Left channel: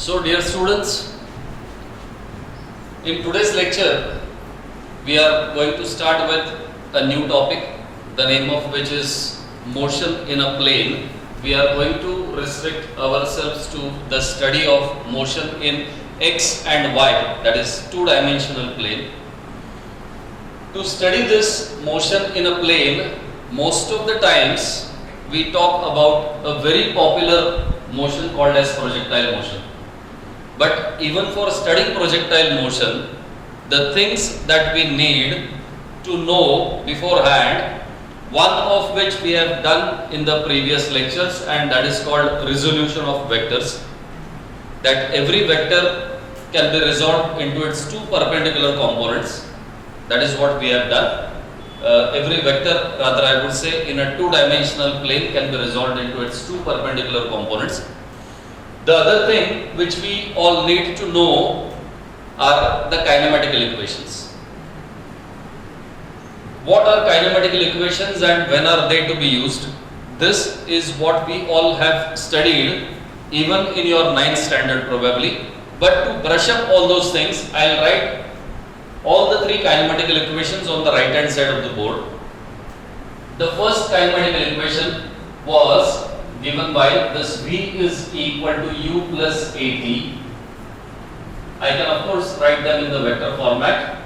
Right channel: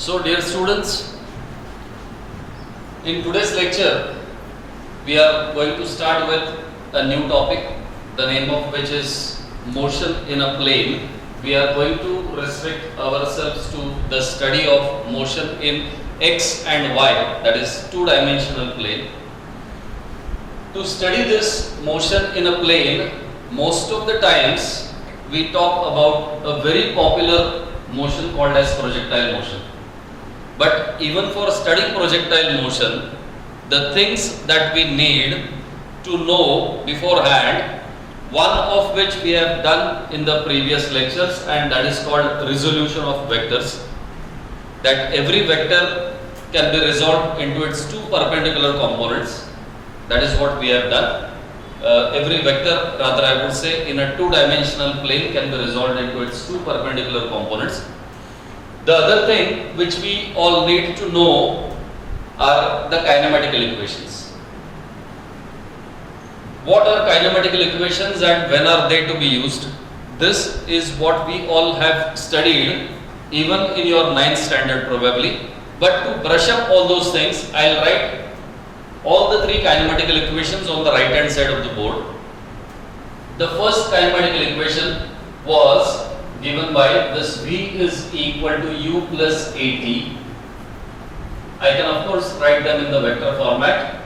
So dear students, in today's lecture we are going to start with a new topic, the name of which is motion in a plane. We are going to restrict ourselves to the study of motion in x and y, that is two-dimensional plane. To study this motion in a plane, most of the times we talk about a very popular motion called as projectile motion. But even for studying projectile motion, the things that we need to know beforehand, one of which we have done in the previous lectures, and that is called resolution of vectors. That every vector can be resolved into its two perpendicular components. That is what we have done. Every vector, rather I would say, in a two-dimensional plane can be resolved into its two perpendicular components. The other thing which we all need to know are the kinematical equations. What are kinematical equations and when are they to be used? This is what we all have studied even in your 9th standard probably. But to brush up all those things, I will write all the three kinematical equations on the right hand side of the board. The first kinematical equation was given by this V is equal to U plus AT. I can of course write them in the vector format.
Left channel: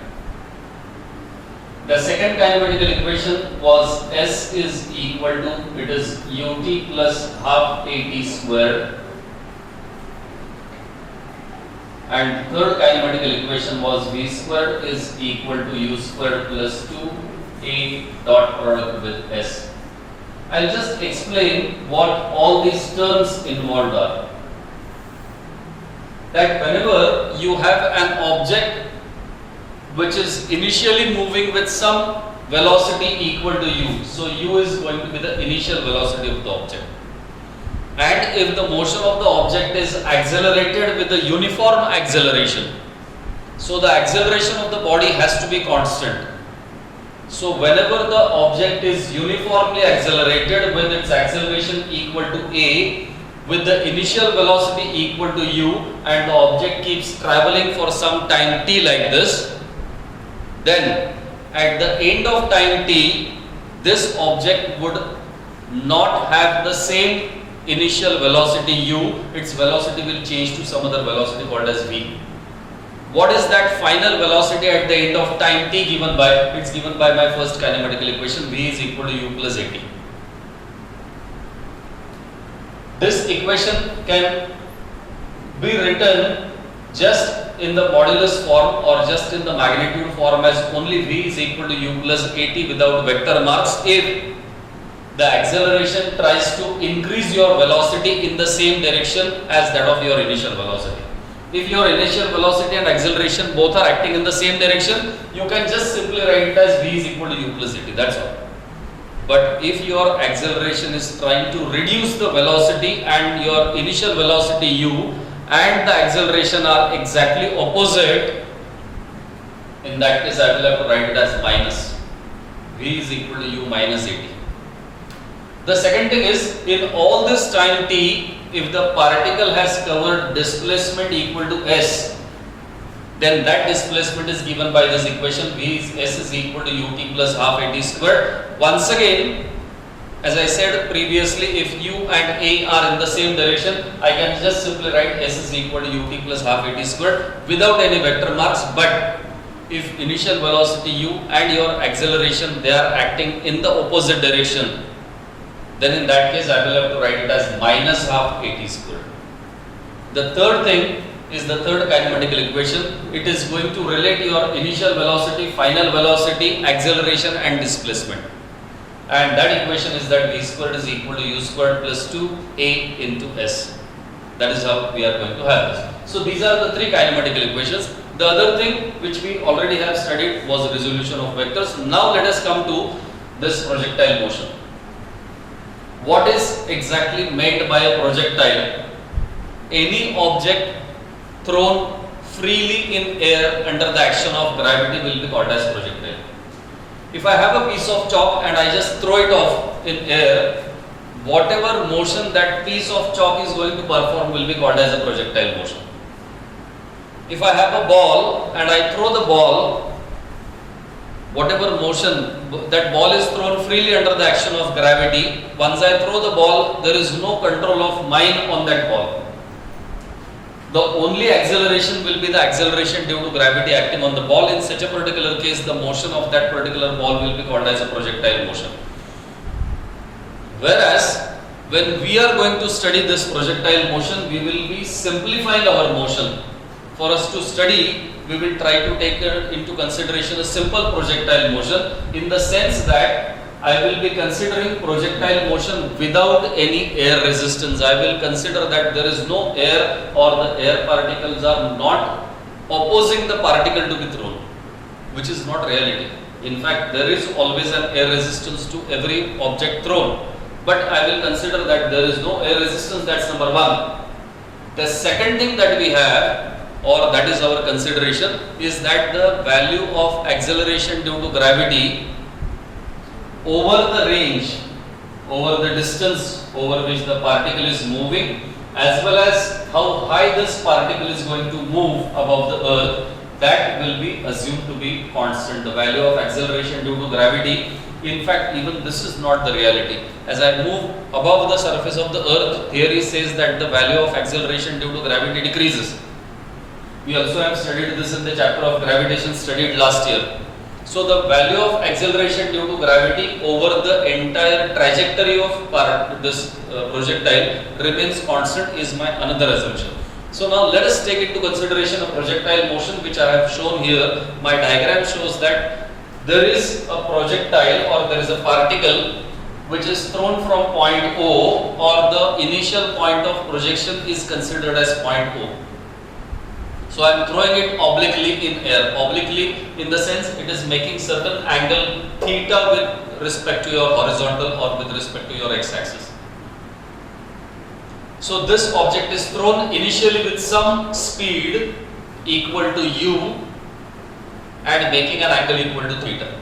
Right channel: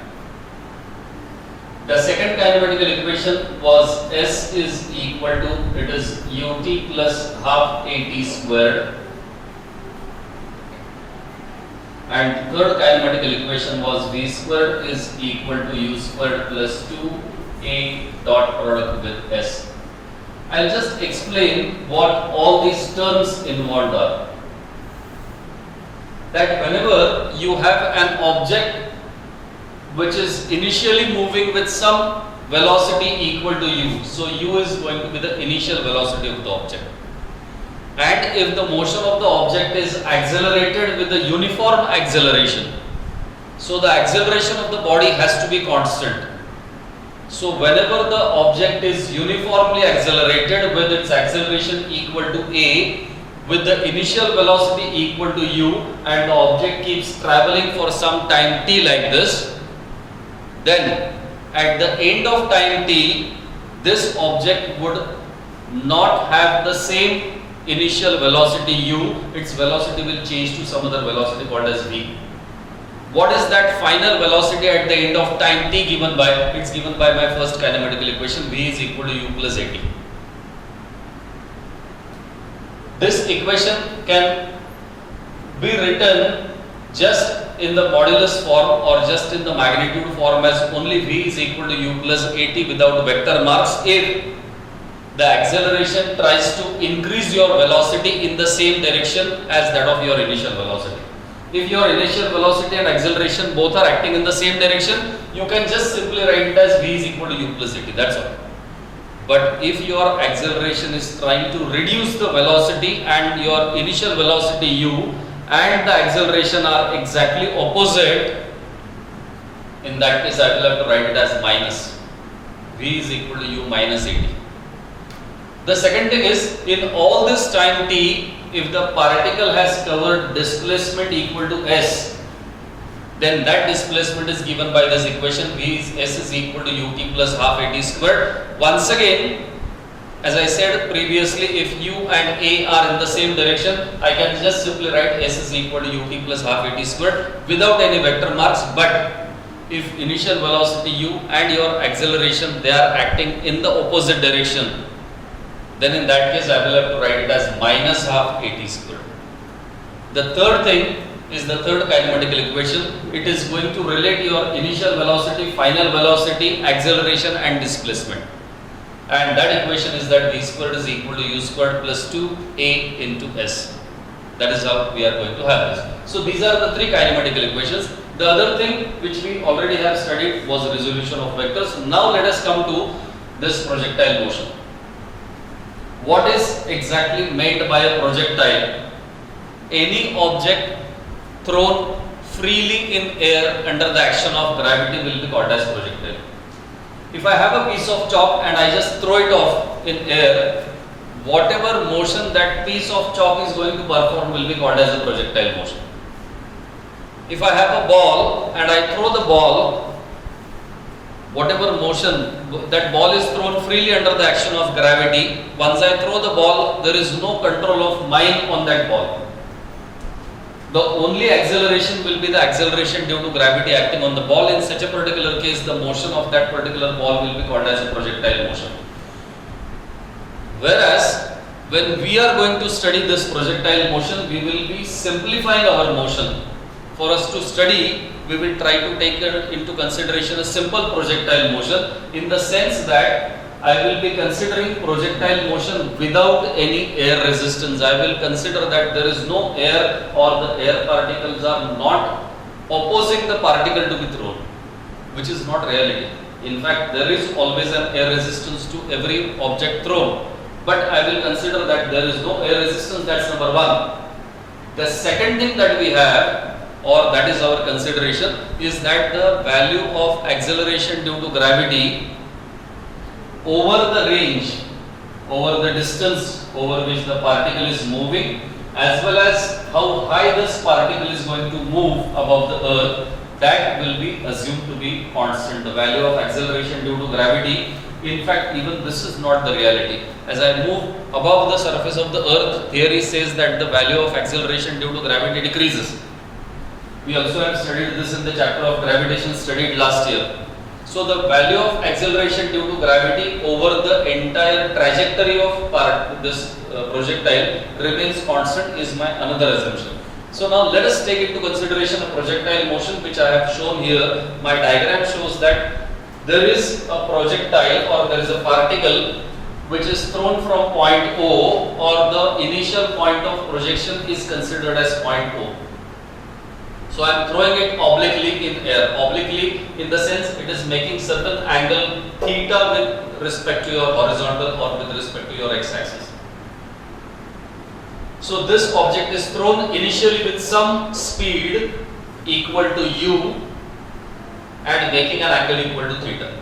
The second kinematical equation was S is equal to, it is UT plus half AT squared. And third kinematical equation was V squared is equal to U squared plus 2A dot product with S. I'll just explain what all these terms involved are. That whenever you have an object which is initially moving with some velocity equal to u, so u is going to be the initial velocity of the object. And if the motion of the object is accelerated with a uniform acceleration, so the acceleration of the body has to be constant. So whenever the object is uniformly accelerated with its acceleration equal to a, with the initial velocity equal to u, and the object keeps traveling for some time t like this, then at the end of time t, this object would not have the same initial velocity u, its velocity will change to some other velocity called as v. What is that final velocity at the end of time t given by? It's given by my first kinematical equation, v is equal to u plus at. This equation can be written just in the modulus form or just in the magnitude form as only v is equal to u plus at without vector marks if the acceleration tries to increase your velocity in the same direction as that of your initial velocity. If your initial velocity and acceleration both are acting in the same direction, you can just simply write it as v is equal to u plus at, that's all. But if your acceleration is trying to reduce the velocity and your initial velocity u and the acceleration are exactly opposite, in that case I will have to write it as minus. V is equal to u minus at. The second thing is, in all this time t, if the particle has covered displacement equal to s, then that displacement is given by this equation, v is s is equal to ut plus half at squared. Once again, as I said previously, if u and a are in the same direction, I can just simply write s is equal to ut plus half at squared without any vector marks. But if initial velocity u and your acceleration, they are acting in the opposite direction, then in that case I will have to write it as minus half at squared. The third thing is the third kinematical equation. It is going to relate your initial velocity, final velocity, acceleration and displacement. And that equation is that v squared is equal to u squared plus 2a into s. That is how we are going to have this. So these are the three kinematical equations. The other thing which we already have studied was resolution of vectors. Now let us come to this projectile motion. What is exactly meant by a projectile? Any object thrown freely in air under the action of gravity will be called as projectile. If I have a piece of chalk and I just throw it off in air, whatever motion that piece of chalk is going to perform will be called as a projectile motion. If I have a ball and I throw the ball, whatever motion, that ball is thrown freely under the action of gravity. Once I throw the ball, there is no control of mine on that ball. The only acceleration will be the acceleration due to gravity acting on the ball. In such a particular case, the motion of that particular ball will be called as a projectile motion. Whereas, when we are going to study this projectile motion, we will be simplifying our motion. For us to study, we will try to take into consideration a simple projectile motion, in the sense that I will be considering projectile motion without any air resistance. I will consider that there is no air, or the air particles are not opposing the particle to be thrown, which is not reality. In fact, there is always an air resistance to every object thrown, but I will consider that there is no air resistance. That's number one. The second thing that we have, or that is our consideration, is that the value of acceleration due to gravity over the range, over the distance over which the particle is moving, as well as how high this particle is going to move above the earth, that will be assumed to be constant. The value of acceleration due to gravity, in fact, even this is not the reality. As I move above the surface of the earth, here he says that the value of acceleration due to gravity decreases. We also have studied this in the chapter of gravitation studied last year. So the value of acceleration due to gravity over the entire trajectory of this projectile remains constant is my another assumption. So now let us take into consideration a projectile motion which I have shown here. My diagram shows that there is a projectile, or there is a particle which is thrown from point O, or the initial point of projection is considered as point O. So I am throwing it obliquely in air. Obliquely in the sense it is making certain angle theta with respect to your horizontal or with respect to your x-axis. So this object is thrown initially with some speed equal to u and making an angle equal to theta.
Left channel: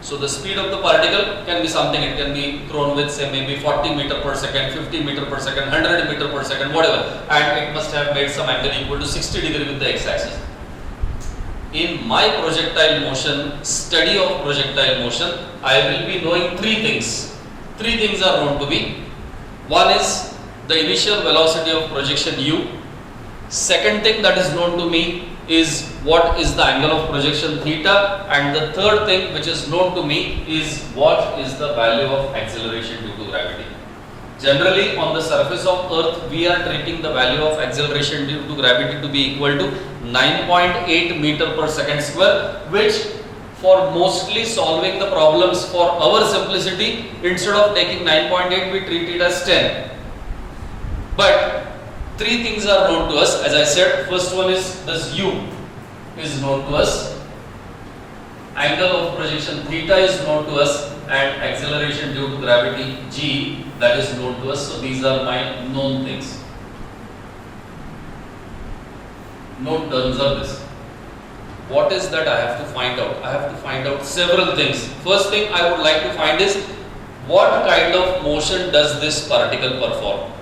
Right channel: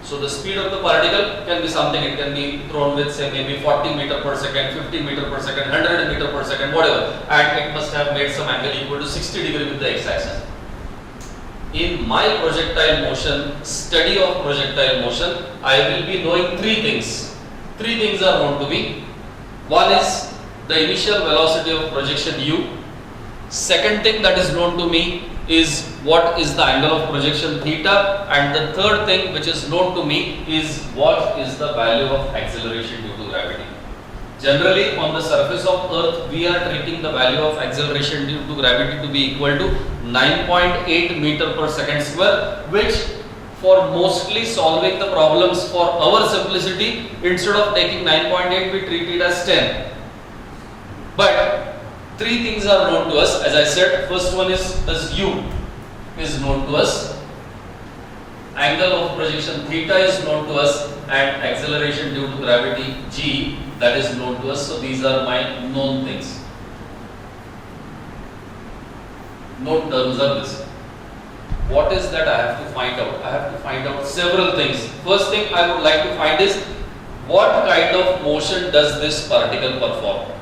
So the speed of the particle can be something, it can be thrown with say maybe 40 meter per second, 50 meter per second, 100 meter per second, whatever, and it must have made some angle equal to 60 degree with the x-axis. In my projectile motion, study of projectile motion, I will be knowing three things. Three things are known to me. One is the initial velocity of projection u. Second thing that is known to me is what is the angle of projection theta, and the third thing which is known to me is what is the value of acceleration due to gravity. Generally on the surface of earth we are treating the value of acceleration due to gravity to be equal to 9.8 meter per second square, which for mostly solving the problems for our simplicity, instead of taking 9.8 we treat it as 10. But three things are known to us. As I said, first one is this u is known to us, angle of projection theta is known to us, and acceleration due to gravity g, that is known to us. So these are my known things. Known terms are this. What is that I have to find out? I have to find out several things. First thing I would like to find is what kind of motion does this particle perform?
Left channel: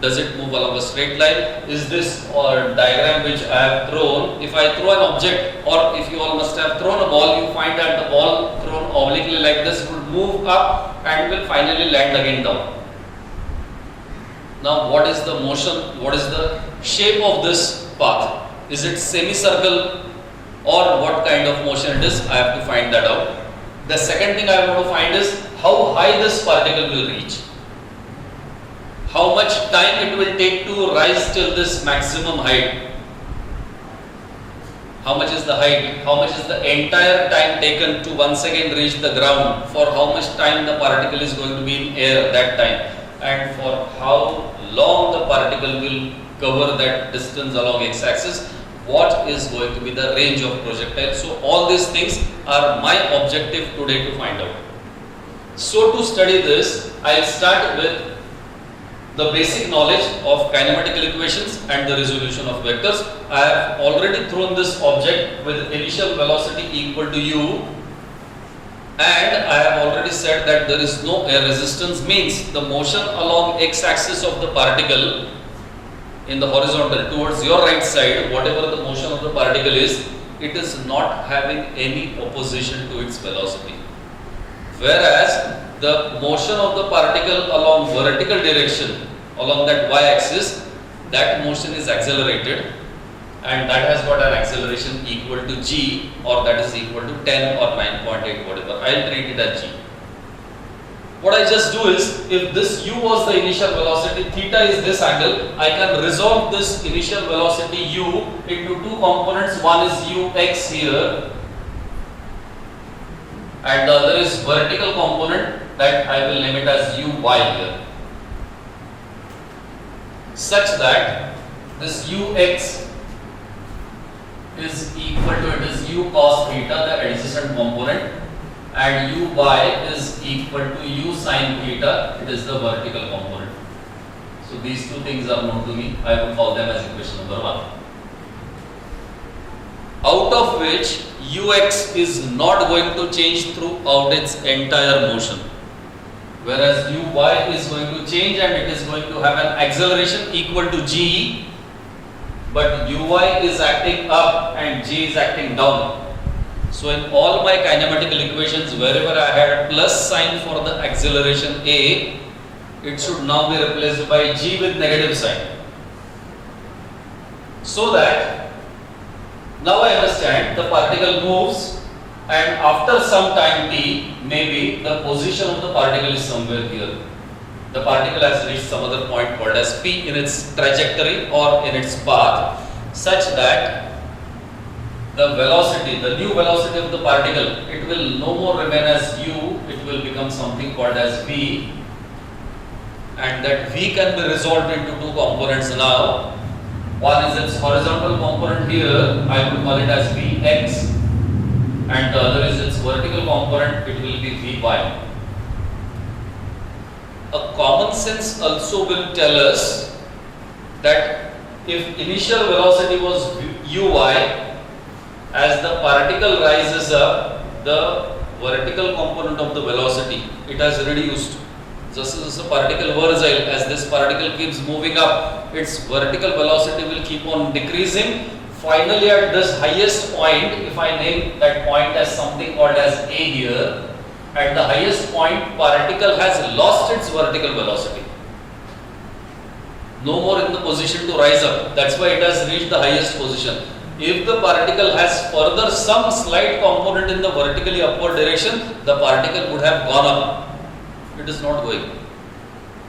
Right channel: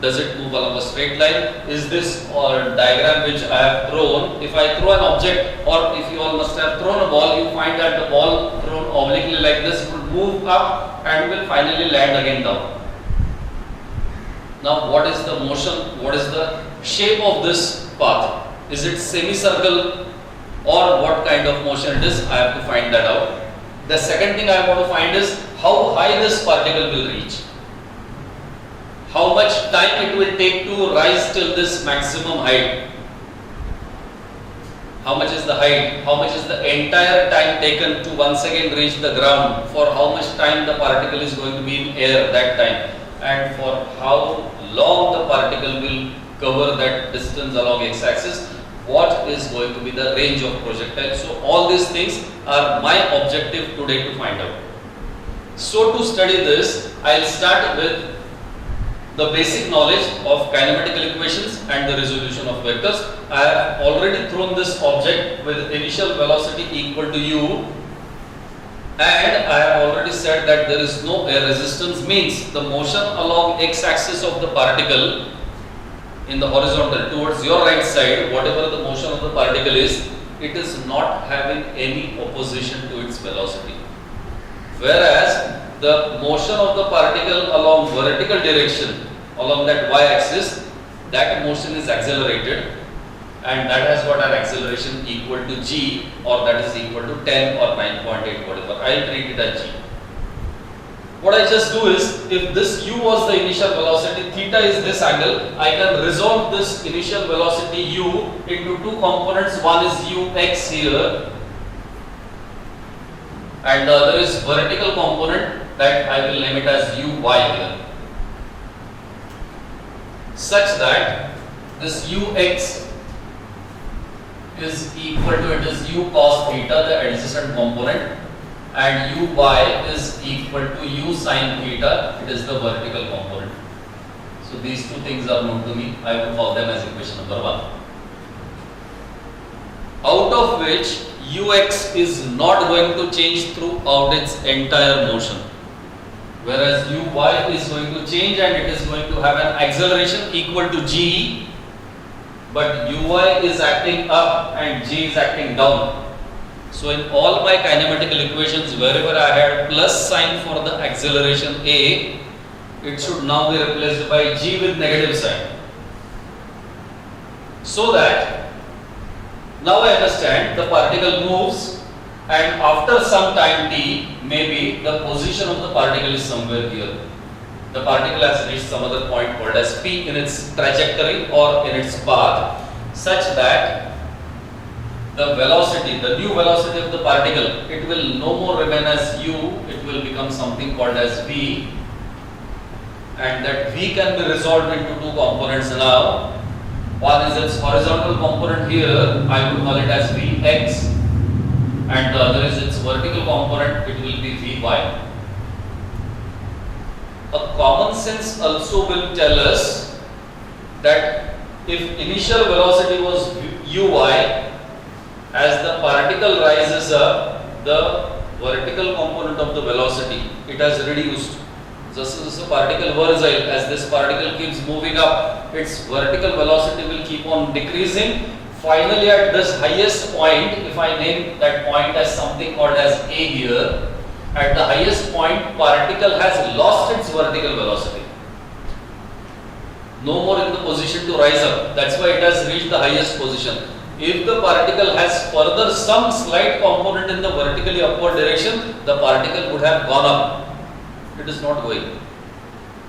Does it move along a straight line? Is this diagram which I have thrown, if I throw an object, or if you all must have thrown a ball, you find that the ball thrown obliquely like this will move up and will finally land again down. Now what is the motion, what is the shape of this path? Is it semicircle or what kind of motion it is? I have to find that out. The second thing I want to find is how high this particle will reach. How much time it will take to rise till this maximum height. How much is the height? How much is the entire time taken to once again reach the ground? For how much time the particle is going to be in air that time? And for how long the particle will cover that distance along x-axis? What is going to be the range of projectile? So all these things are my objective today to find out. So to study this, I'll start with the basic knowledge of kinematical equations and the resolution of vectors. I have already thrown this object with initial velocity equal to u And I have already said that there is no air resistance, means the motion along x-axis of the particle in the horizontal towards your right side, whatever the motion of the particle is, it is not having any opposition to its velocity. Whereas the motion of the particle along vertical direction, along that y-axis, that motion is accelerated, and that has got an acceleration equal to g, or that is equal to 10 or 9.8, whatever. I will treat it as g. What I just do is, if this u was the initial velocity, theta is this angle, I can resolve this initial velocity u into two components. One is ux here, and the other is vertical component, that I will name it as uy here, such that this ux is equal to, it is u cos theta, the adjacent component, and uy is equal to u sin theta, it is the vertical component. So these two things are known to me. I will call them as equation number 1. Out of which ux is not going to change throughout its entire motion, whereas uy is going to change and it is going to have an acceleration equal to g, but uy is acting up and g is acting down. So in all my kinematical equations, wherever I had plus sign for the acceleration a, it should now be replaced by g with negative sign. So that now I understand the particle moves, and after some time t, maybe the position of the particle is somewhere here. The particle has reached some other point called as P in its trajectory or in its path, such that the velocity, the new velocity of the particle, it will no more remain as u, it will become something called as v, and that v can be resolved into two components now. One is its horizontal component here, I would call it as vx, and the other is its vertical component, it will be vy. A common sense also will tell us that if initial velocity was uy, as the particle rises up, the vertical component of the velocity, it has reduced. Just as a particle versatile, as this particle keeps moving up, its vertical velocity will keep on decreasing. Finally, at this highest point, if I name that point as something called as a here, at the highest point, particle has lost its vertical velocity. No more in the position to rise up. That's why it has reached the highest position. If the particle has further some slight component in the vertically upward direction, the particle would have gone up. It is not going.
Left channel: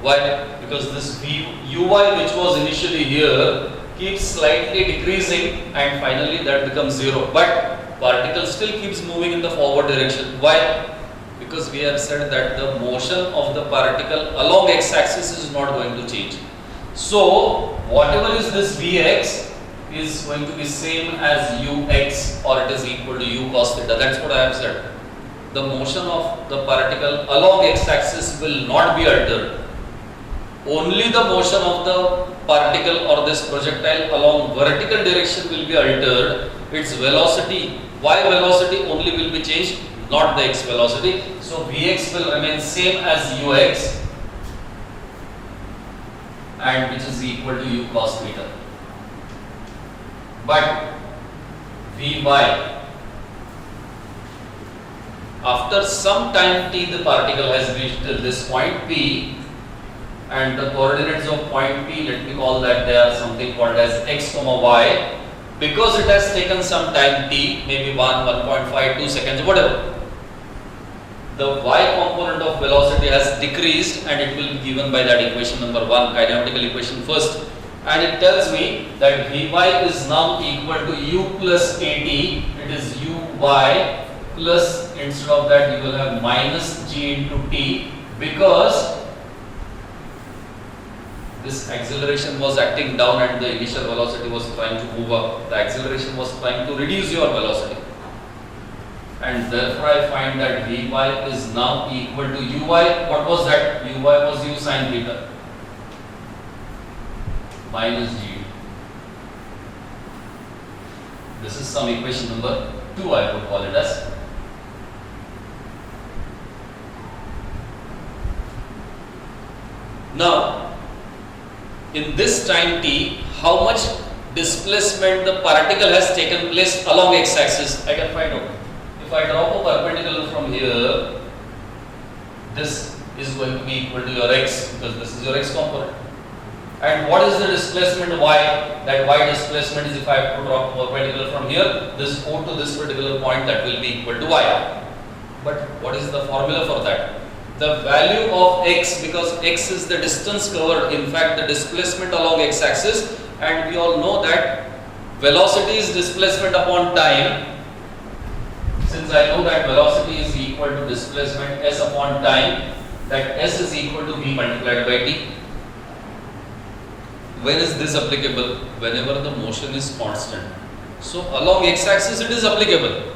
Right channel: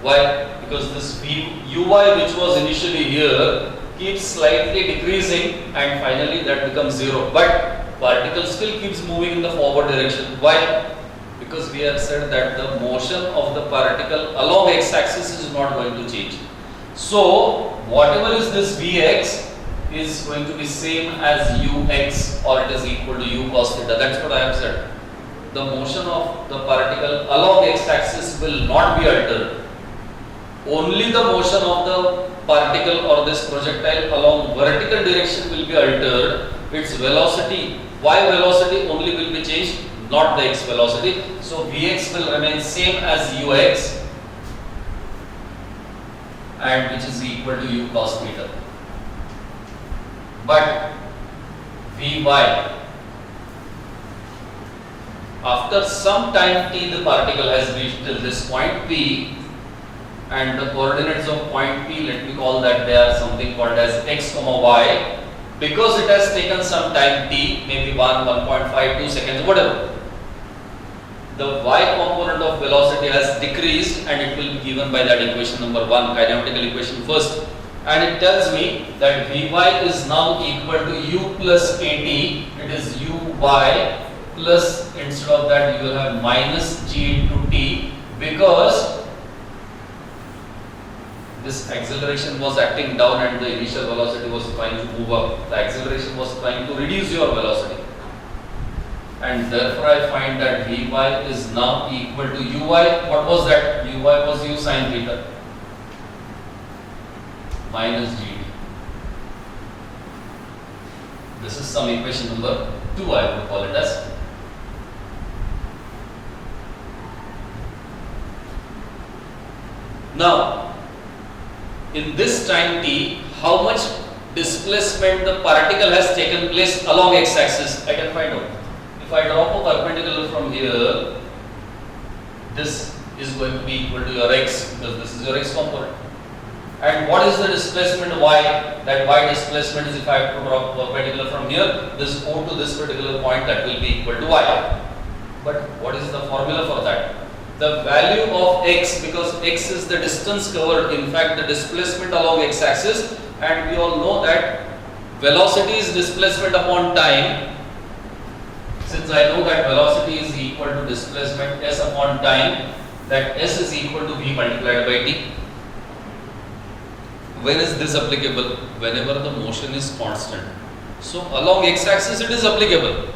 Why? Because this uy, which was initially here, keeps slightly decreasing, and finally that becomes 0. But particle still keeps moving in the forward direction. Why? Because we have said that the motion of the particle along x-axis is not going to change. So whatever is this vx is going to be same as ux, or it is equal to u cos theta. That's what I have said. The motion of the particle along x-axis will not be altered. Only the motion of the particle or this projectile along vertical direction will be altered. Its velocity, y velocity only will be changed, not the x velocity. So vx will remain same as ux, and which is equal to u cos theta. But vy, after some time t, the particle has reached till this point p, and the coordinates of point p, let me call that they are something called as x comma y. Because it has taken some time t, maybe 1, 1.5, 2 seconds, whatever, the y component of velocity has decreased, and it will be given by that equation number 1, kinematical equation first. And it tells me that vy is now equal to u plus at, it is uy plus, instead of that you will have minus g into t, because this acceleration was acting down and the initial velocity was trying to move up. The acceleration was trying to reduce your velocity, and therefore I find that vy is now equal to uy. What was that? Uy was u sin theta minus g. This is some equation number 2, I would call it as. Now, in this time t, how much displacement the particle has taken place along x-axis, I can find out. If I drop a perpendicular from here, this is going to be equal to your x, because this is your x component. And what is the displacement y? That y displacement is, if I have to drop a perpendicular from here, this O to this particular point, that will be equal to y. But what is the formula for that? The value of x, because x is the distance covered, in fact the displacement along x-axis, and we all know that velocity is displacement upon time. Since I know that velocity is equal to displacement s upon time, that s is equal to v multiplied by t. When is this applicable? Whenever the motion is constant. So along x-axis it is applicable.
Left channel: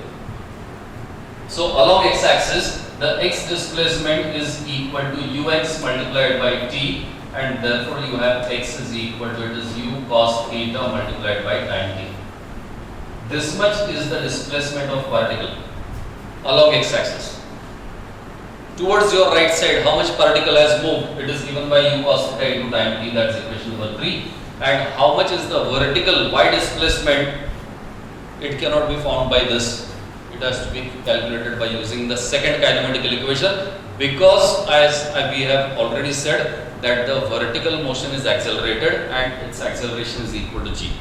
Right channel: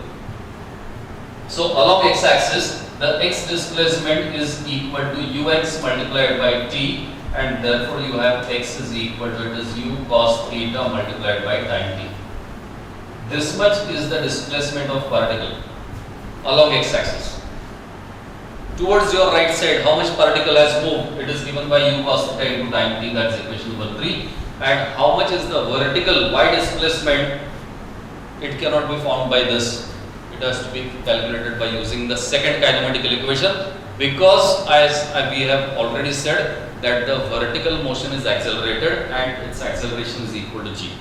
So along x-axis, the x displacement is equal to ux multiplied by t, and therefore you have x is equal to, it is u cos theta multiplied by time t. This much is the displacement of particle along x-axis. Towards your right side, how much particle has moved? It is given by u cos theta into time t, that's equation number 3. And how much is the vertical y displacement? It cannot be found by this. It has to be calculated by using the second kinematical equation, because as we have already said that the vertical motion is accelerated and its acceleration is equal to g,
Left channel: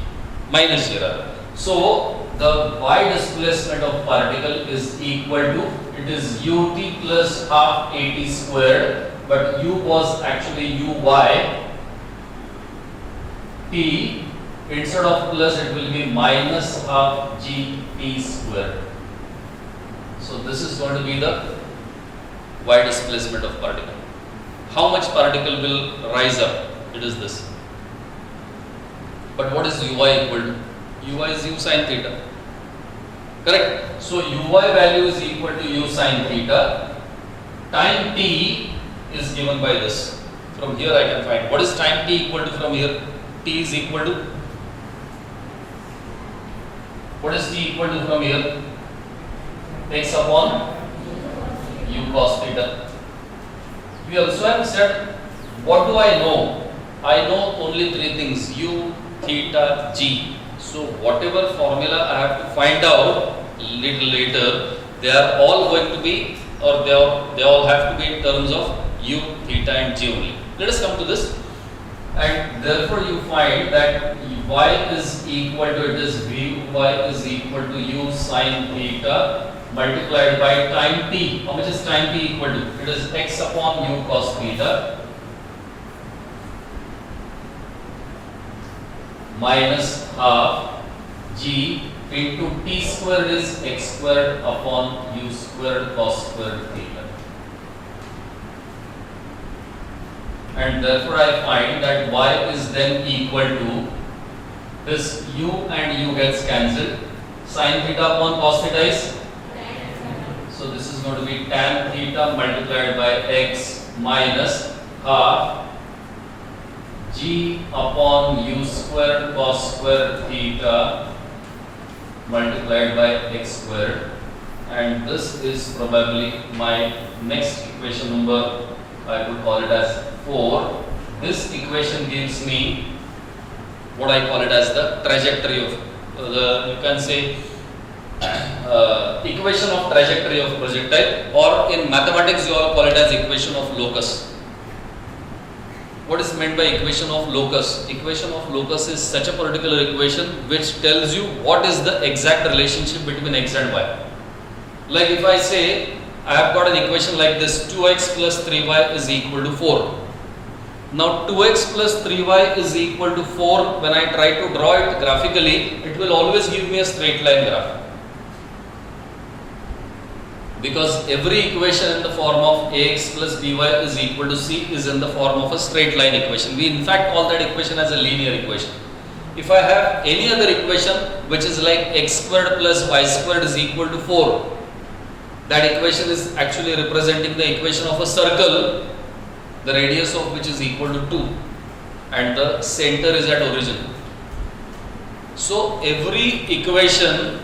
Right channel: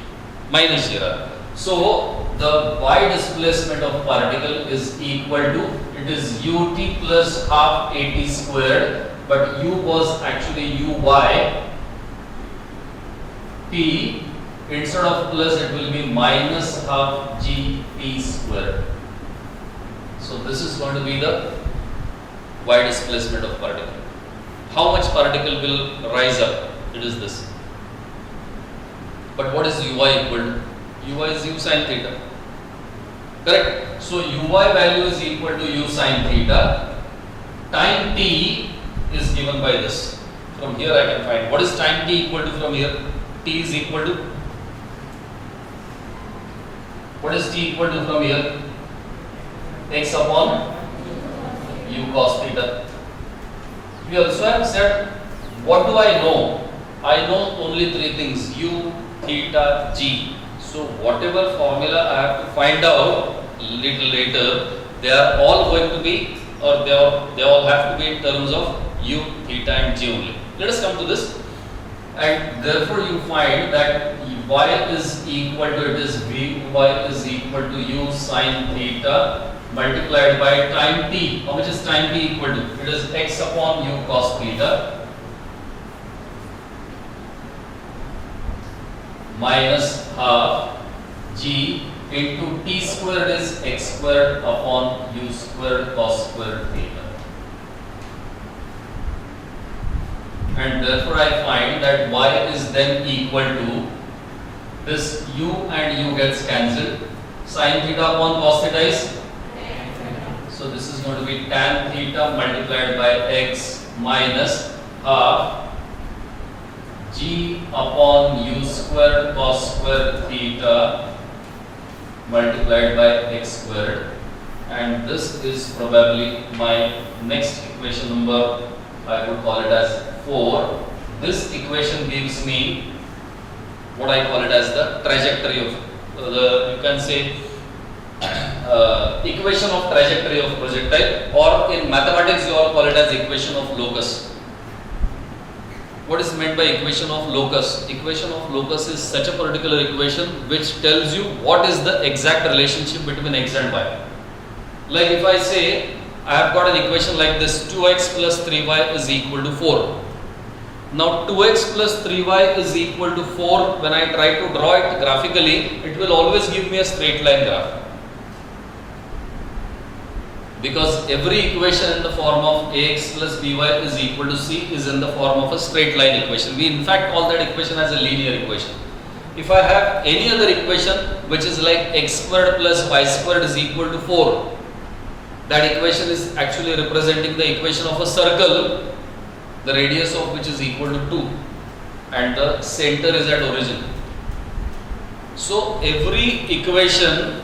minus g rather. So the y displacement of particle is equal to, it is ut plus half at squared, but u was actually uy, t, instead of plus it will be minus half g t squared. So this is going to be the y displacement of particle. How much particle will rise up? It is this. But what is uy equal to? Uy is u sin theta. Correct? So uy value is equal to u sin theta. Time t is given by this. From here I can find. What is time t equal to from here? T is equal to? What is t equal to from here? X upon u cos theta. We also have said, what do I know? I know only 3 things, u, theta, g. So whatever formula I have to find out little later, they are all going to be, or they all have to be in terms of u, theta and g only. Let us come to this. And therefore you find that y is equal to, it is vy is equal to u sin theta multiplied by time t. How much is time t equal to? It is x upon u cos theta minus half g into t squared is x squared upon u squared cos squared theta. And therefore I find that y is then equal to, this u and u gets cancelled. Sin theta upon cos theta is, so this is going to be tan theta multiplied by x minus half g upon u squared cos squared theta multiplied by x squared, and this is probably my next equation number, I would call it as 4. This equation gives me what I call it as the trajectory of you can say equation of trajectory of projectile, or in mathematics you all call it as equation of locus. What is meant by equation of locus? Equation of locus is such a particular equation which tells you what is the exact relationship between x and y. Like if I say I have got an equation like this, 2x plus 3y is equal to 4. Now 2x plus 3y is equal to 4, when I try to draw it graphically, it will always give me a straight line graph. Because every equation in the form of ax plus by is equal to c is in the form of a straight line equation. We in fact call that equation as a linear equation. If I have any other equation which is like x squared plus y squared is equal to 4, that equation is actually representing the equation of a circle, the radius of which is equal to 2 and the center is at origin. So every equation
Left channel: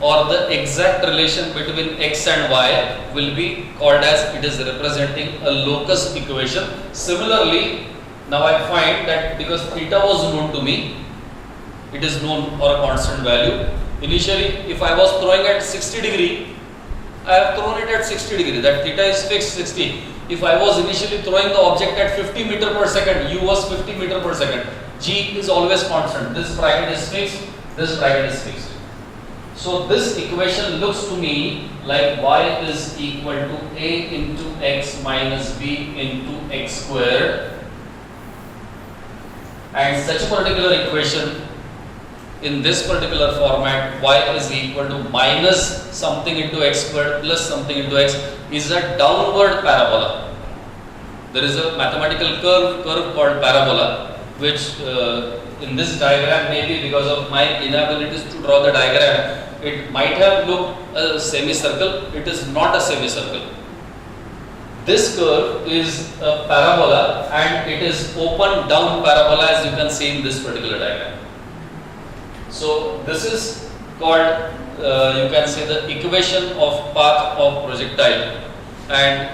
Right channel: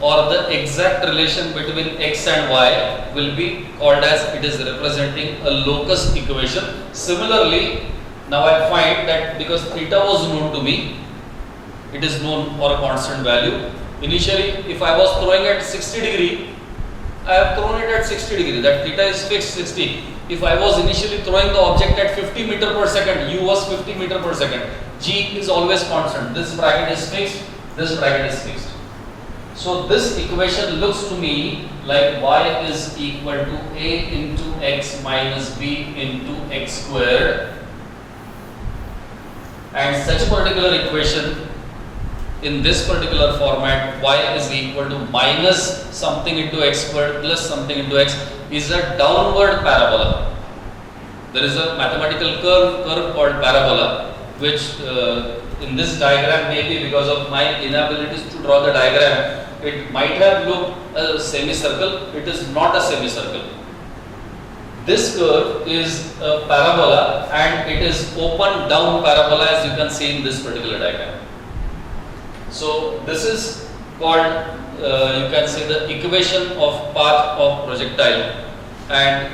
or the exact relation between x and y will be called as, it is representing a locus equation. Similarly, Now I find that because theta was known to me, it is known for a constant value. Initially, if I was throwing at 60 degree, I have thrown it at 60 degree. That theta is fixed 60. If I was initially throwing the object at 50 meter per second, u was 50 meter per second. G is always constant. This bracket is fixed. This bracket is fixed. So this equation looks to me like y is equal to a into x minus b into x squared, and such a particular equation in this particular format, y is equal to minus something into x squared plus something into x, is a downward parabola. There is a mathematical curve called parabola, which in this diagram, maybe because of my inabilities to draw the diagram, it might have looked a semicircle. It is not a semicircle. This curve is a parabola, and it is open down parabola, as you can see in this particular diagram. So this is called, you can say, the equation of path of projectile, and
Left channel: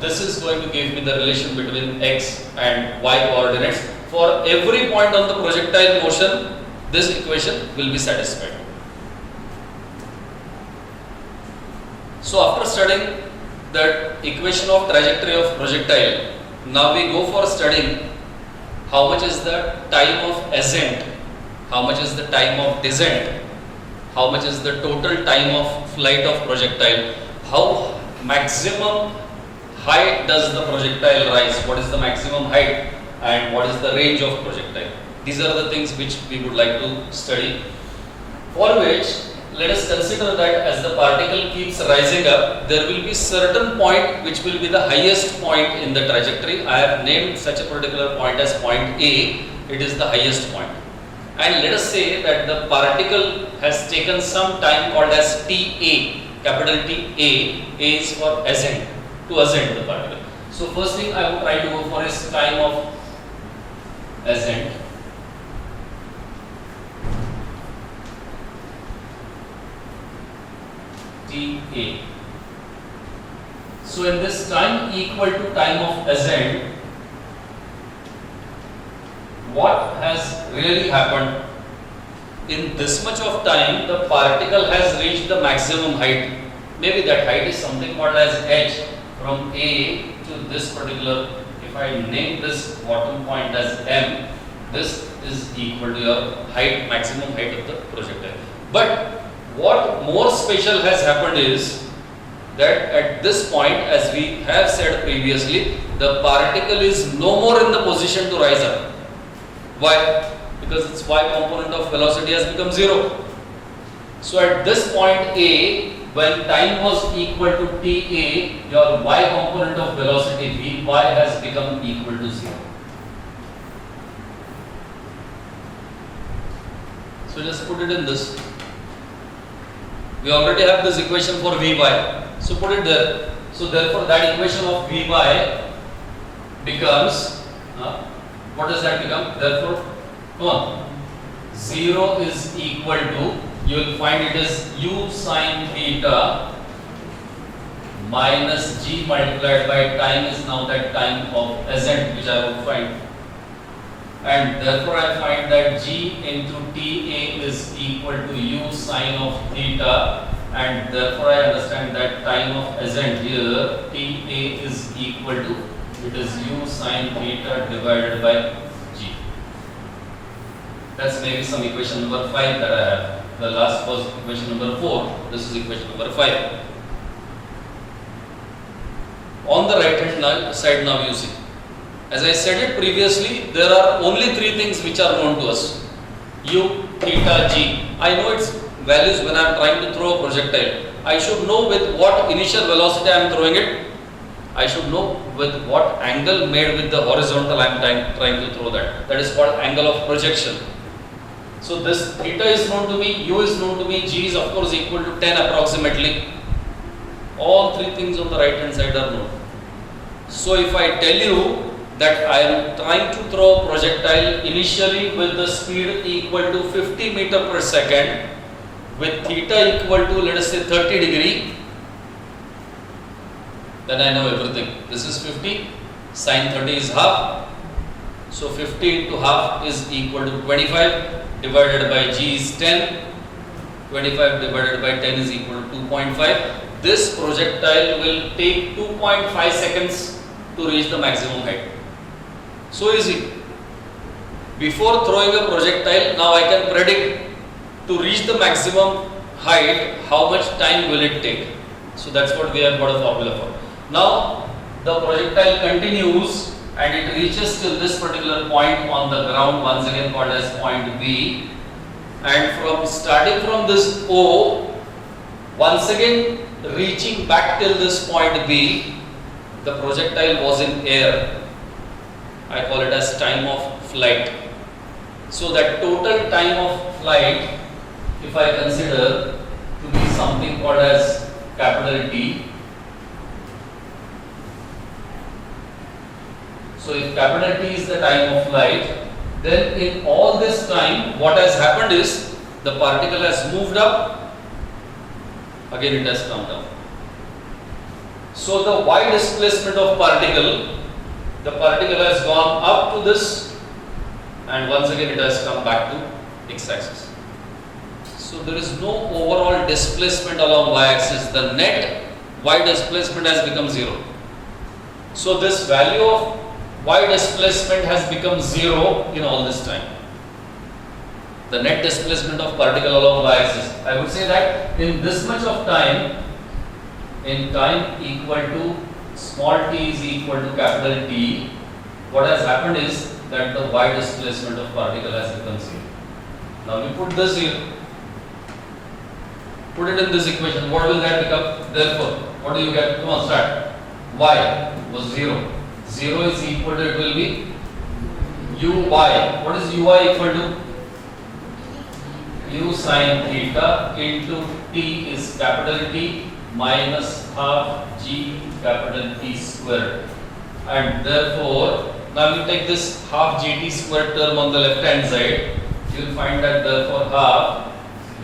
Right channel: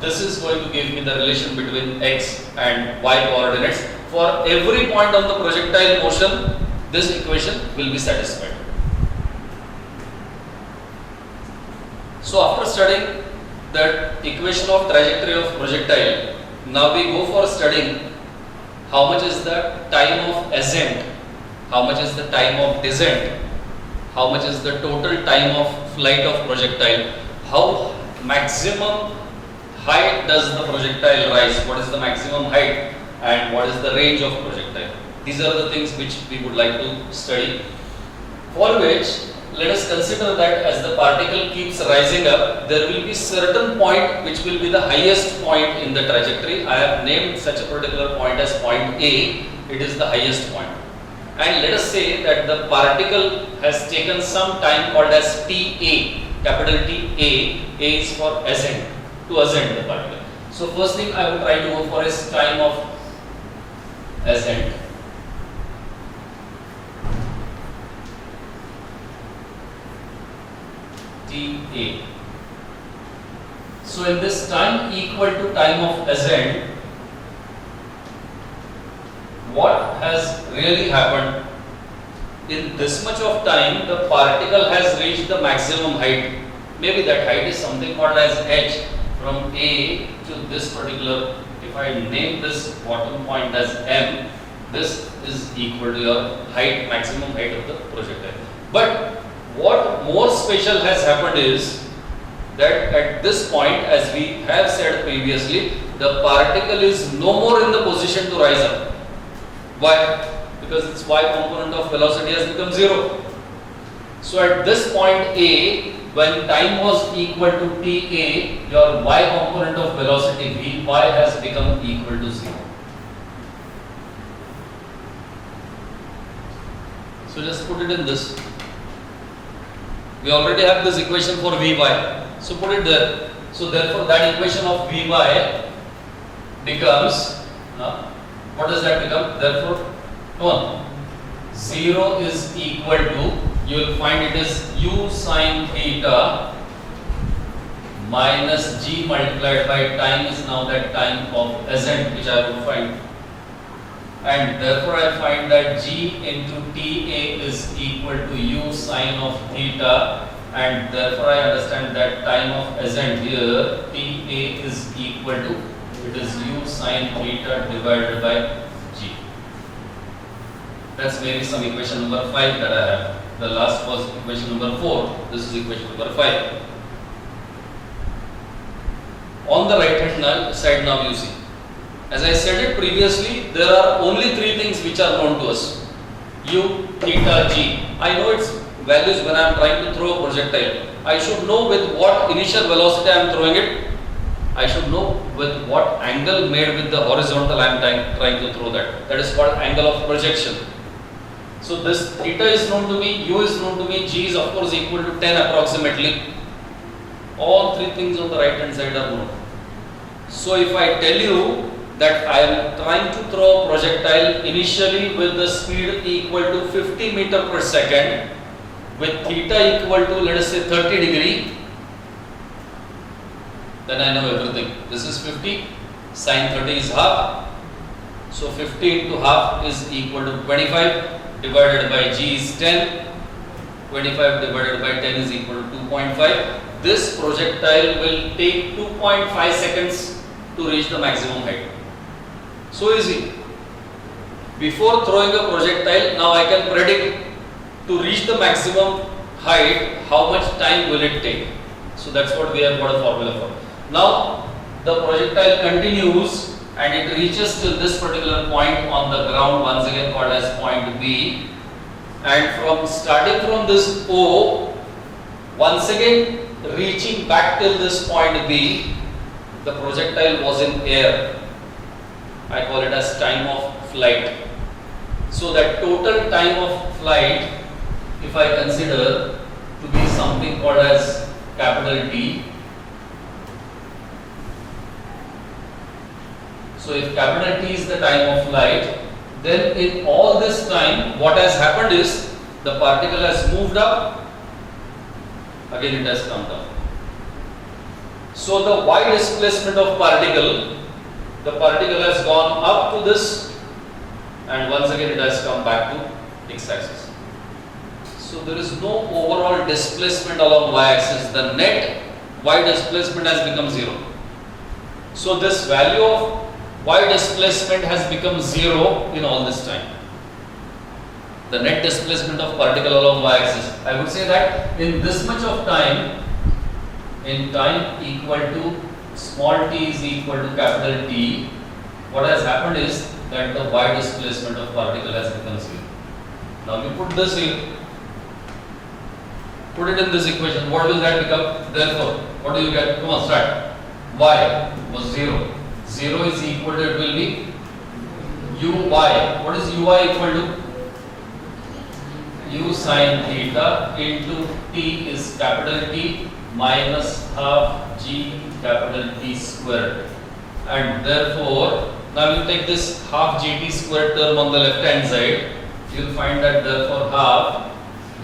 this is going to give me the relation between x and y coordinates. For every point on the projectile motion, this equation will be satisfied. So after studying that equation of trajectory of projectile, now we go for studying how much is the time of ascent, how much is the time of descent, how much is the total time of flight of projectile, how maximum height does the projectile rise, what is the maximum height, and what is the range of projectile. These are the things which we would like to study, for which let us consider that as the particle keeps rising up, there will be certain point which will be the highest point in the trajectory. I have named such a particular point as point A. It is the highest point. And let us say that the particle has taken some time called as TA, capital T A. A is for ascent, to ascend the particle. So first thing I would try to go for is time of ascent. TA. So in this time equal to time of ascent, what has really happened? In this much of time, the particle has reached the maximum height. Maybe that height is something called as h, from A to this particular. If I name this bottom point as m, this is equal to your height, maximum height of the projectile. But what more special has happened is that at this point, as we have said previously, the particle is no more in the position to rise up. Why? Because its y component of velocity has become 0. So at this point A, when time was equal to TA, your y component of velocity Vy has become equal to 0. So just put it in this. We already have this equation for Vy. So put it there. So therefore that equation of Vy becomes, what does that become? Therefore 0 is equal to, you will find it is u sine theta minus g multiplied by time is now that time of ascent which I will find. And therefore I find that g into TA is equal to u sine of theta, and therefore I understand that time of ascent here TA is equal to, it is u sine theta divided by g. That's maybe some equation number 5 that I have. The last was equation number 4, this is equation number 5. On the right hand side now you see, as I said it previously, there are only 3 things which are known to us: u, theta, g. I know its values when I am trying to throw a projectile. I should know with what initial velocity I am throwing it. I should know with what angle made with the horizontal I am trying to throw that. That is called angle of projection. So this theta is known to me, u is known to me, g is of course equal to 10 approximately. All 3 things on the right hand side are known. So if I tell you that I am trying to throw a projectile initially with the speed equal to 50 meter per second with theta equal to, let us say, 30 degree, then I know everything. This is 50, sine 30 is half, So 50 into half is equal to 25 divided by g is 10. 25 divided by 10 is equal to 2.5. This projectile will take 2.5 seconds to reach the maximum height. So easy. Before throwing a projectile, now I can predict to reach the maximum height, how much time will it take. So that's what we have got a formula for. Now the projectile continues and it reaches till this particular point on the ground, once again called as point B. And from starting from this O, once again reaching back till this point B, the projectile was in air. I call it as time of flight. So that total time of flight, if I consider to be something called as capital T. So if capital T is the time of flight, then in all this time what has happened is the particle has moved up, again it has come down. So the y displacement of particle, the particle has gone up to this and once again it has come back to x-axis. So there is no overall displacement along y-axis. The net y displacement has become 0. So this value of y displacement has become 0 in all this time. The net displacement of particle along y-axis. I would say that in this much of time, in time equal to small t is equal to capital T, what has happened is that the y displacement of particle has become 0. Now we put this here, put it in this equation, what will that become? Therefore, what do you get? Come on, start. Y was 0. 0 is equal to, it will be uy. What is uy equal to? U sin theta into t is capital T minus half g capital T squared. And therefore, now you take this half gt squared term on the left hand side, you will find that therefore half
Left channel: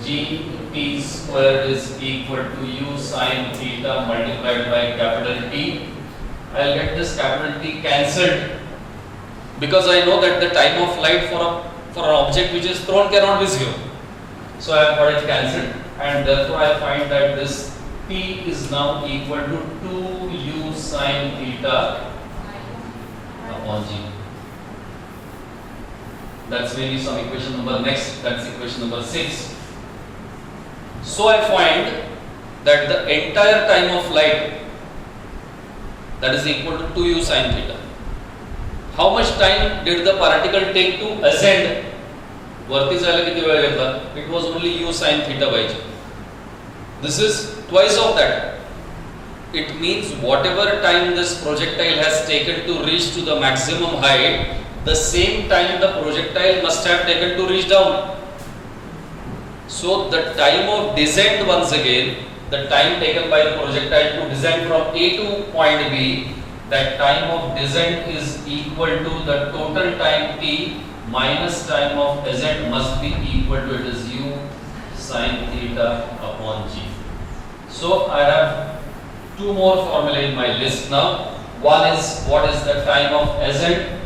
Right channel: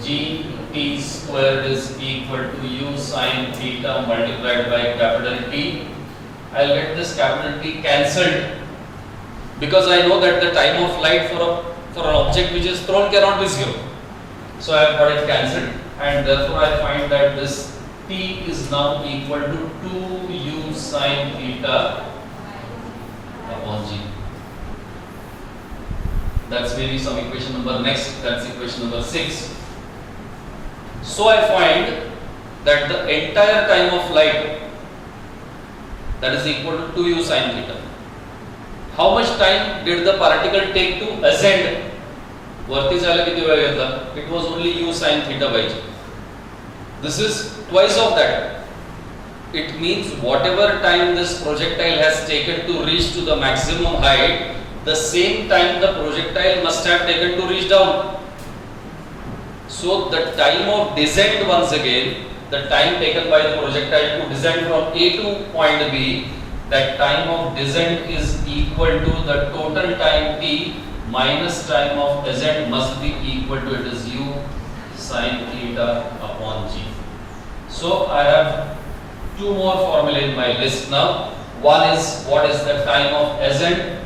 gt squared is equal to u sin theta multiplied by capital T. I will get this capital T cancelled because I know that the time of flight for an object which is thrown cannot be 0. So I have got it cancelled and therefore I find that this T is now equal to 2u sin theta upon g. That's maybe some equation number next, that's equation number 6. So I find that the entire time of flight, that is equal to 2u sin theta. How much time did the particle take to ascend? वरती जायला किती वेळ घेतला? It was only u sin theta by g. This is twice of that. It means whatever time this projectile has taken to reach to the maximum height, the same time the projectile must have taken to reach down. So the time of descent, once again, the time taken by the projectile to descend from A to point B, that time of descent is equal to the total time t minus time of ascent must be equal to, it is u sin theta upon g. So I have two more formulae in my list now. One is what is the time of ascent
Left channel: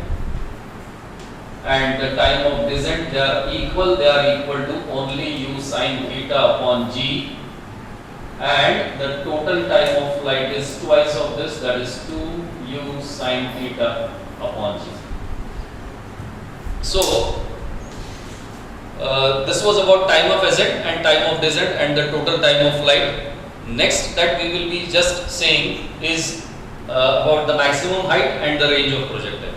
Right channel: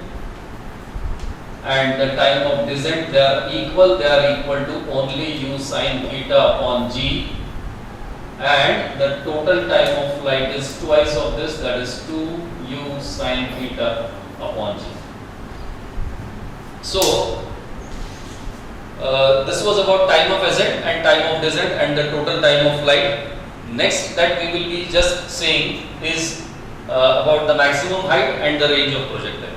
and the time of descent. They are equal to only u sin theta upon g, and the total time of flight is twice of this, that is 2u sin theta upon g. So this was about time of ascent and time of descent and the total time of flight. Next that we will be just saying is about the maximum height and the range of projectile.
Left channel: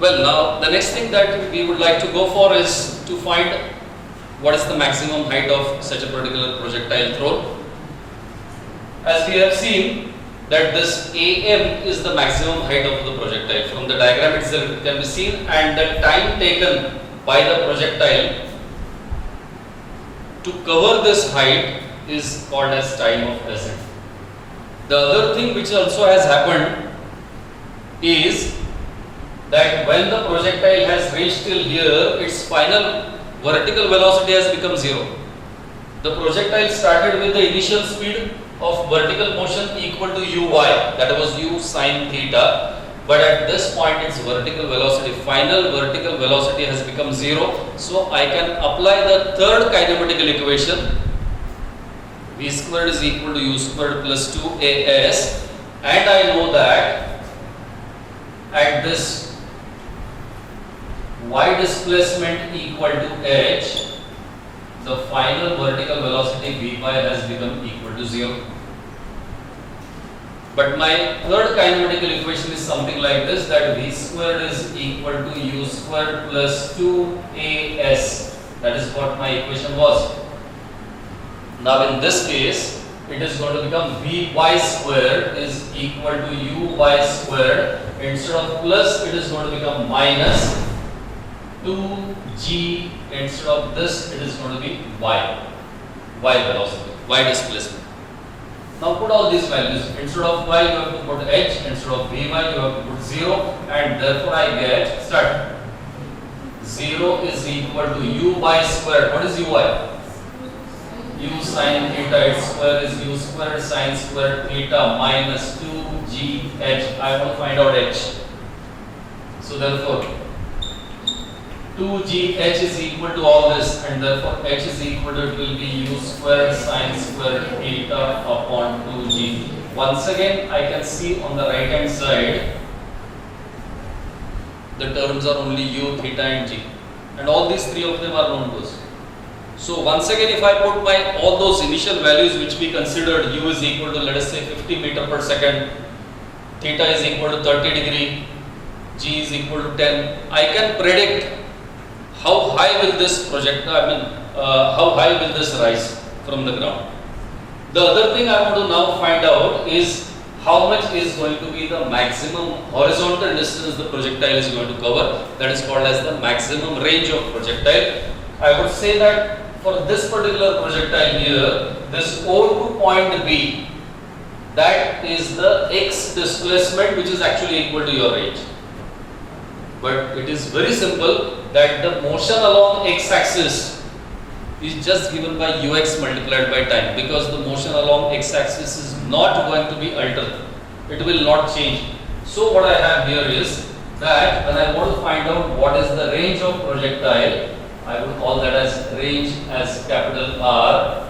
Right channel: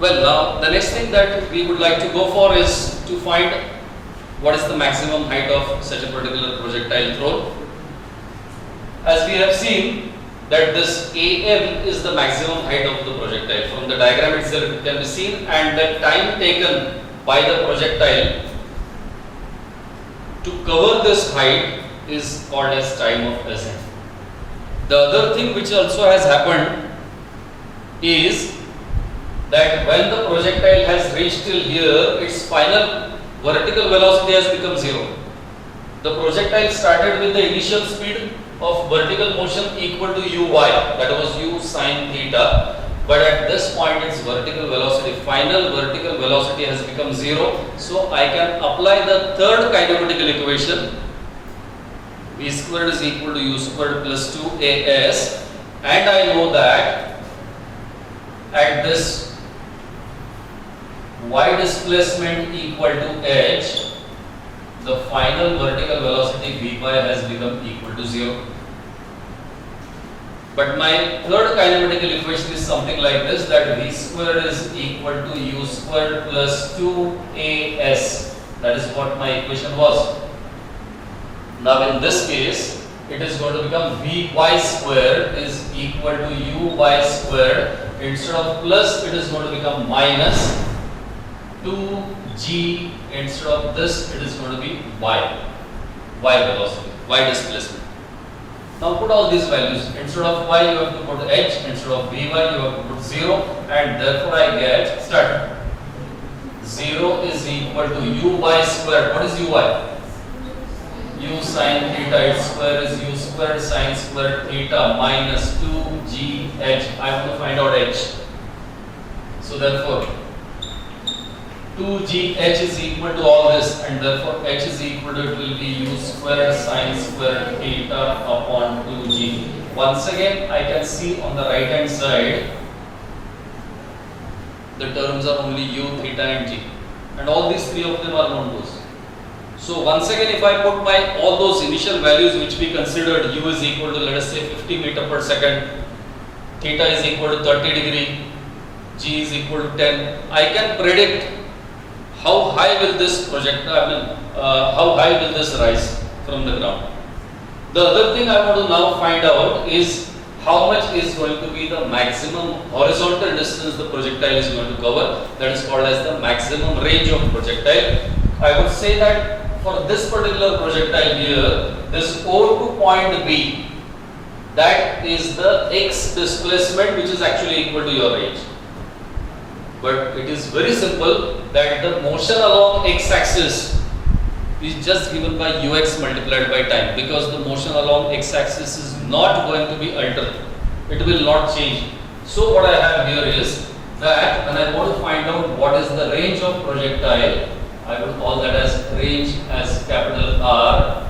Well, now the next thing that we would like to go for is to find what is the maximum height of such a particular projectile thrown. As we have seen that this AM is the maximum height of the projectile. From the diagram itself it can be seen, and the time taken by the projectile to cover this height is called as time of ascent. The other thing which also has happened is that when the projectile has reached till here, its final vertical velocity has become 0. The projectile started with the initial speed of vertical motion equal to uy, that was u sin theta, but at this point its vertical velocity, final vertical velocity has become 0. So I can apply the third kinematical equation, v squared is equal to u squared plus 2as, and I know that at this y displacement equal to h, the final vertical velocity vy has become equal to 0. But my third kinematical equation is something like this, that v squared is equal to u squared plus 2as. That is what my equation was. Now in this case, it is going to become vy squared is equal to uy squared. Instead of plus, it is going to become minus 2g. Instead of this, it is going to be y velocity, y displacement. Now put all these values. Instead of y, you have to put h. Instead of vy, you have to put 0. And therefore I get, start. 0 is equal to uy squared. What is uy? U sine theta, its square is u squared sine squared theta minus 2gh. I want to find out h. So therefore 2gh is equal to all this, and therefore h is equal to, it will be u squared sine squared theta upon 2g. Once again I can see on the right hand side the terms are only u, theta and g, and all these three of them are known to us. So once again, if I put my all those initial values which we considered, u is equal to, let us say, 50 meter per second, theta is equal to 30 degree, g is equal to 10, I can predict how high will this projectile, how high will this rise from the ground. The other thing I want to now find out is how much is going to be the maximum horizontal distance the projectile is going to cover. That is called as the maximum range of projectile. I would say that for this particular projectile here, this O to point B, that is the x displacement which is actually equal to your range. But it is very simple that the motion along x-axis is just given by ux multiplied by time, because the motion along x-axis is not going to be altered. It will not change. So what I have here is that when I want to find out what is the range of projectile, I will call that as range as capital R.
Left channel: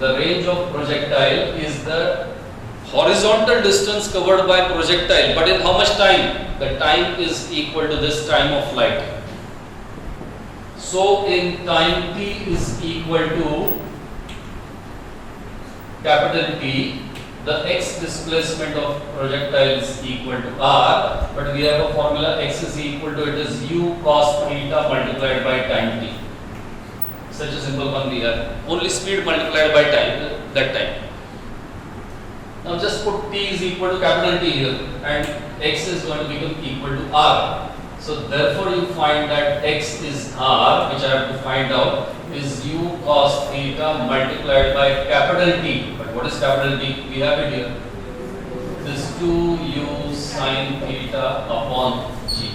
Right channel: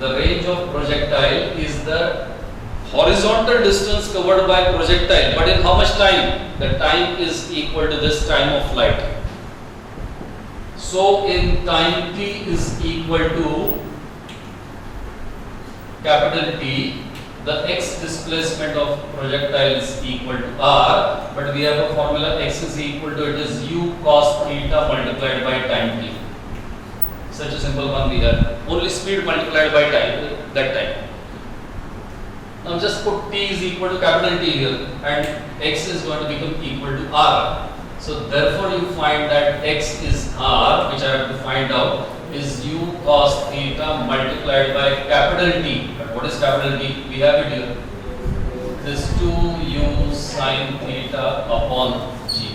The range of projectile is the horizontal distance covered by projectile, but in how much time? The time is equal to this time of flight. So in time t is equal to capital T, the x displacement of projectile is equal to r, but we have a formula, x is equal to, it is u cos theta multiplied by time t. Such a simple one we have. Only speed multiplied by time, that time. Now just put t is equal to capital T here, and x is going to become equal to r. So therefore you find that x is r, which I have to find out, is u cos theta multiplied by capital T. But what is capital T? We have it here. It is 2u sin theta upon g.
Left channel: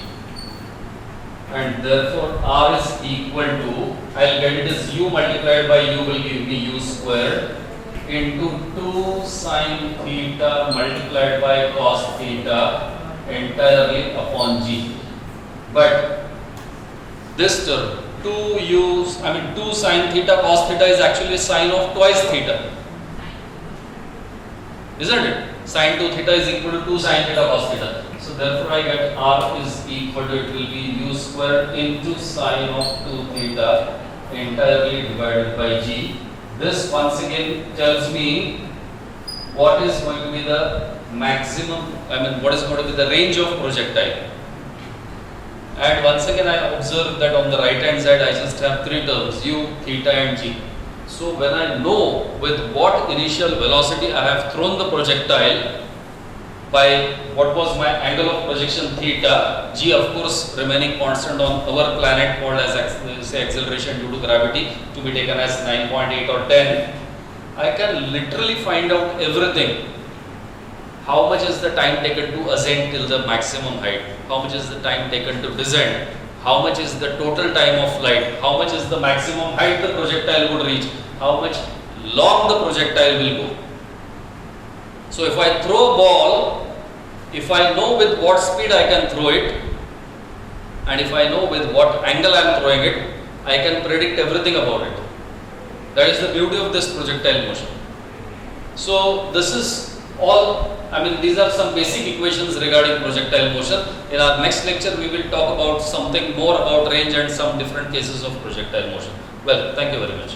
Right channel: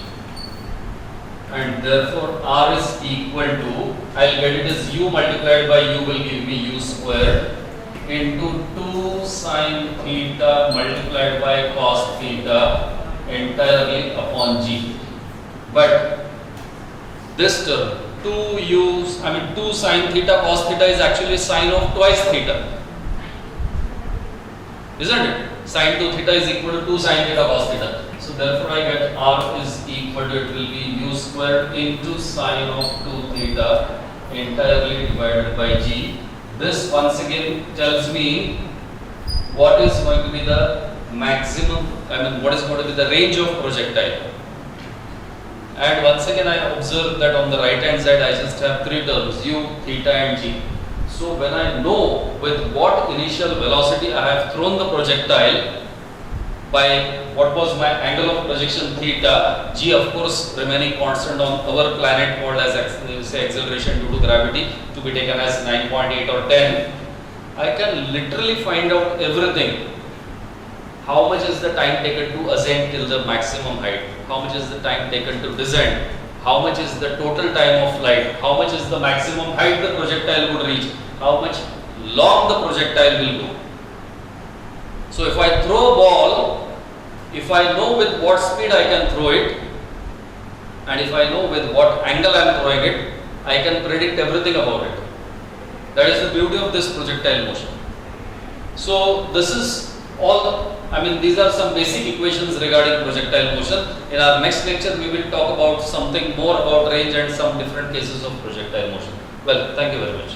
And therefore r is equal to, I'll get it as u multiplied by u will give me u squared into 2 sin theta multiplied by cos theta entirely upon g. But this term 2 sin theta cos theta is actually sine of twice theta, isn't it? Sin 2 theta is equal to 2 sin theta cos theta. So therefore I get r is equal to, it will be u squared into sine of 2 theta entirely divided by g. This once again tells me what is going to be the maximum, what is going to be the range of projectile. And once again I observe that on the right hand side I just have three terms, u, theta and g. So when I know with what initial velocity I have thrown the projectile, by what was my angle of projection theta, g of course remaining constant on our planet called as acceleration due to gravity, to be taken as 9.8 or 10, I can literally find out everything. How much is the time taken to ascend till the maximum height? How much is the time taken to descend? How much is the total time of flight? How much is the maximum height the projectile would reach? How much long the projectile will go? So if I throw a ball if I know with what speed I can throw it, and if I know with what angle I am throwing it, I can predict everything about it. That is the beauty of this projectile motion. So this is all, I mean, these are some basic equations regarding projectile motion. In our next lecture, we will talk about something more about range and some different cases of projectile motion. Well, thank you very much.